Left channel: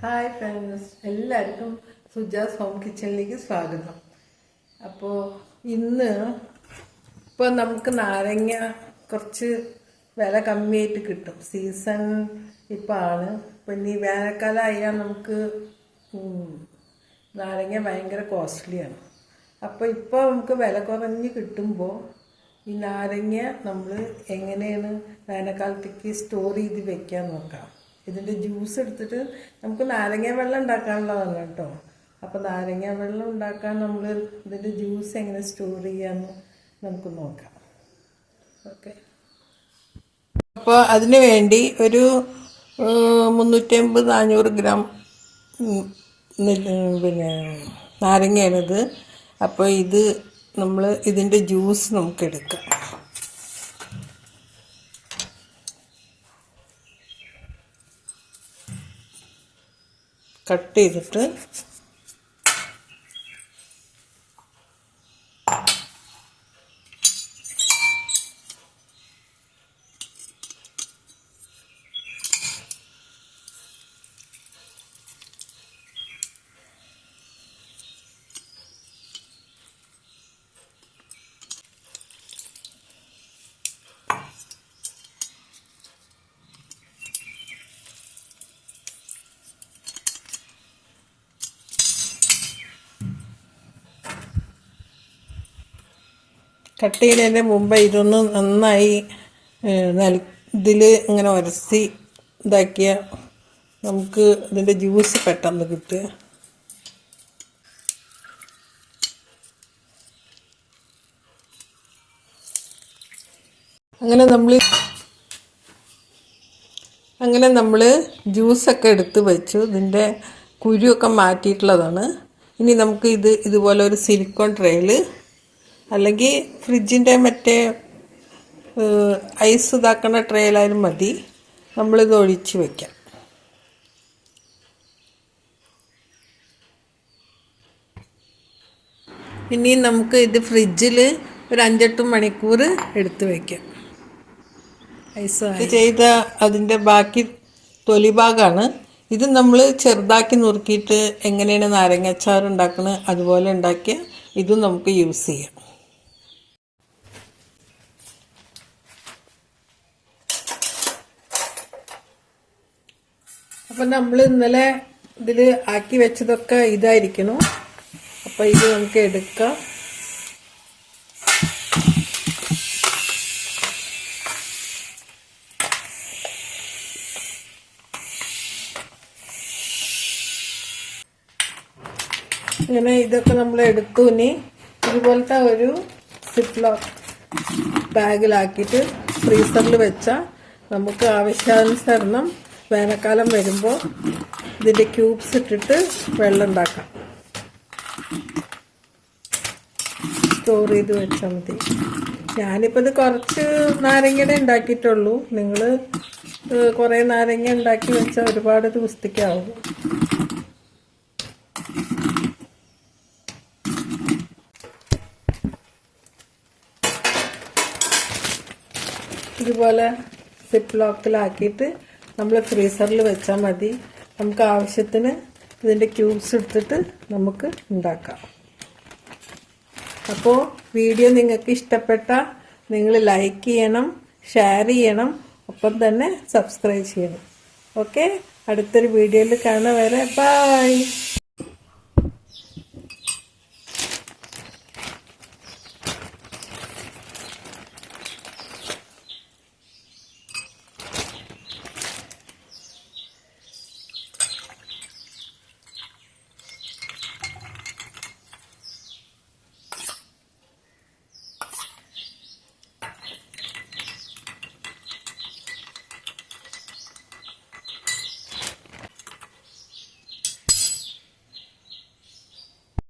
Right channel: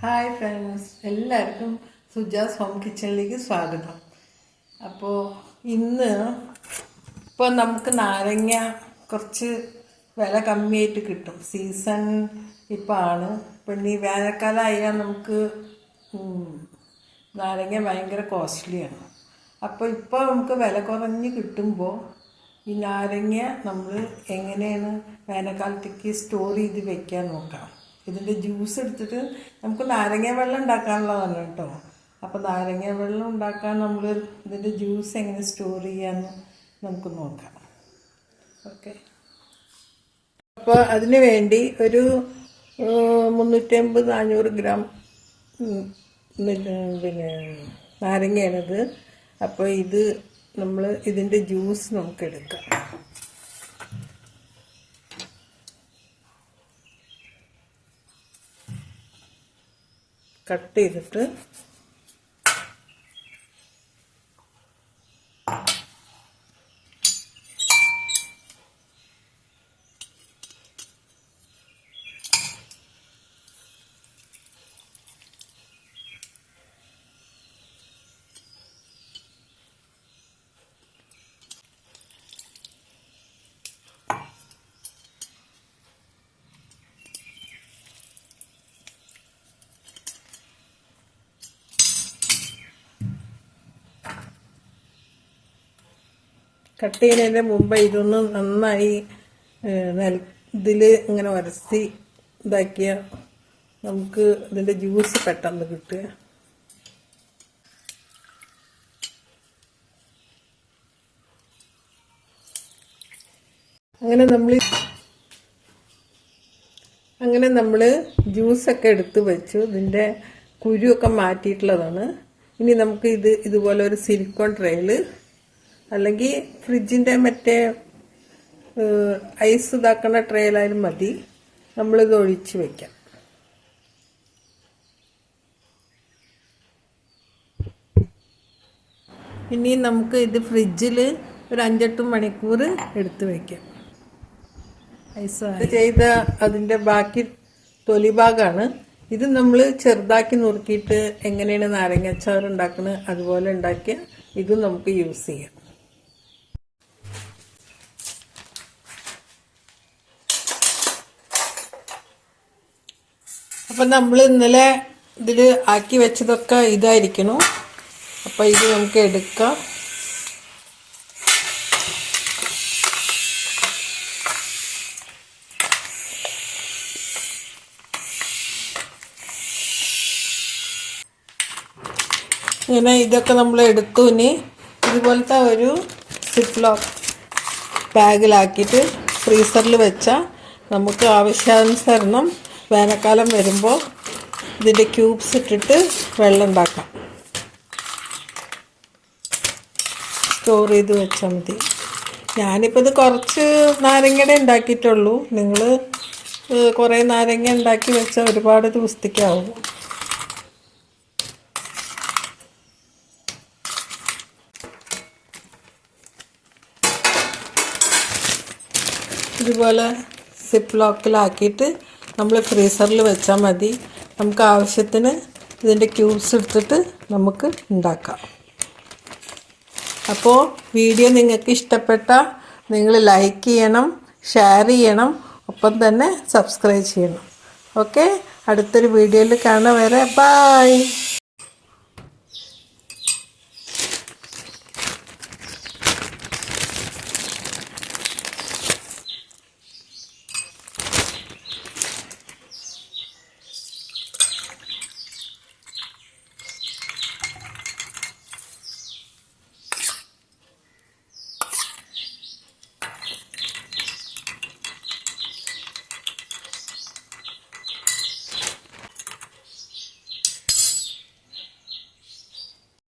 Hi friends, എല്ലാവർക്കും Suja's home കിച്ചണിലേക്ക് സ്വാഗതം. അപ്പോൾ ഇന്ന് നമുക്ക് നാരങ്ങ കുറച്ച് വില കമ്മിയായിട്ട് കിട്ടും. സീസൺ ഇപ്പോൾ ആണ്. പിന്നെ ഈ വേനൽക്കാലമായാൽ നമുക്ക് നാരങ്ങ ഭയങ്കര കോസ്റ്റ്ലിയാണ്. അപ്പോൾ ഇപ്പോൾ നമുക്ക് വില കുറഞ്ഞ് കിട്ടുമ്പോൾ ഈ നാരങ്ങ നമ്മൾ എങ്ങനെയാണ് വേനൽക്കാലത്തേക്ക് സ്റ്റോർ ചെയ്ത് വെക്കാൻ നോക്കാം. ഇതിൻ്റെ ജ്യൂസ് എടുത്തിട്ട് നമുക്ക് നാരങ്ങ വെള്ളം ഉണ്ടാക്കാനുള്ളതാണ് കേട്ടോ. അപ്പോൾ നാരങ്ങ വെള്ളം ഉണ്ടാക്കാൻ നമ്മൾ ഇതിൻ്റെ ജ്യൂസ് എങ്ങനെ സ്റ്റോർ ചെയ്യാമെന്ന് നമുക്ക് നോക്കാം. ഓക്കെ, അപ്പോൾ അതിന് വേണ്ടി ഒരു 350-400 ഗ്രാം പിന്നെ നാരങ്ങയാണിത്. അപ്പോൾ ഇത് നമ്മൾ ഇതിൻ്റെ ജ്യൂസ് നമുക്ക് എടുക്കാം. കട്ട് ചെയ്തിട്ട് കട്ട് ചെയ്യുന്നതിൻ്റെ മുമ്പ് ഇതൊന്ന് നന്നായി ഇതിൽ ഇങ്ങനെ ഉരಸಿ ഇതാക്കിയാൽ നമുക്ക് ഇതിൻ്റെ ജ്യൂസ് പെട്ടെന്ന് കിട്ടുക. അങ്ങനെ നമ്മൾ ജ്യൂസൊക്കെ എടുത്ത് വെച്ചു. ഇതിൻ്റെ കുരുവൊക്കെ മാറ്റിയിട്ടുള്ളതാണ്. ഇനി നമുക്ക് ഇതുപോലെ ഒരു സിലിക്കോൺ ട്രേയിൽ അല്ലെങ്കിൽ ഫ്രിഡ്ജിൻ്റെ മറ്റേ ഐസ് ഇതാക്കുന്ന ട്രേയിലായാലും മതി. നമ്മളിത് ഒഴിച്ച് വയ്ക്കാം. ഇനി നമുക്ക് ഇത് ഫ്രിഡ്ജിൽ ഒരു 5-8 മണിക്കൂർ എടുത്ത് വയ്ക്കാം. ഐസ് ചെയ്ത അതിൻ്റെ ബാക്കി തൊലി ഭാഗമാണ് ഇത്. നമ്മൾ ചെറുതാക്കി നുറുക്കിയിട്ട് എങ്ങനെയാണ് നാരങ്ങാച്ചാർ ഉണ്ടാക്കുന്നത് അതുപോലെ ഉണ്ടാക്കിയ ഇതും നമുക്ക് യൂസ് ചെയ്യാം. അപ്പം നമ്മൾ ഇന്നലെ ഇതിൽ ആക്കി വെച്ചതൊക്കെ ഇതായിരിക്കണം. അപ്പം ഇത് നമുക്ക് എടുക്കാം. ഇങ്ങനെ ഇതൊക്കെ നമ്മൾ എടുത്തു. ഇനി ഇതുപോലത്തെ ഒരു സിപ്ലോക്ക് ബാഗിലാക്കിയിട്ട് ഫ്രീസറിൽ വെച്ചാൽ നമുക്ക് ആവശ്യാനുസരണം വേനൽക്കാലം വരുമ്പോൾ ഇതിൻ്റെ ക്യൂബ്സ് ഇട്ടിട്ട് വെള്ളം ഉണ്ടാക്കാം. സ്റ്റോർ ചെയ്ത് വെച്ചാൽ മതി. ഞാനിപ്പോൾ ഇത് കുറച്ച് നാരങ്ങയുടെ ഉണ്ടാക്കിയിട്ടുള്ളൂ. നിങ്ങൾ കുറേ നാരങ്ങ ഉണ്ടാക്കി വെച്ചാൽ ഒരുപാട് ദിവസത്തേക്കാവും. ഇതുപോലെ സിപ്പ് ലോക്കിലാക്കിയിട്ട് നമ്മൾ ഫ്രീസറിൽ വെച്ചാൽ മതി. നമുക്ക് ആവശ്യത്തിന് ഇതിൻ്റെ ക്യൂബ്സ് എടുത്തിട്ട് നമുക്ക് ഉണ്ടാക്കാം. അപ്പോൾ വീഡിയോ നിങ്ങൾക്ക് ഇഷ്ടപ്പെട്ടാൽ നിങ്ങൾ ലൈക്ക് ചെയ്യണം, ഷെയർ ചെയ്യണം, ഒപ്പം തന്നെ സബ്സ്ക്രൈബ് ചെയ്യണം. ഓക്കെ, അടുത്തൊരു വീഡിയോയിൽ കാണാൻ വരെ. ബൈ.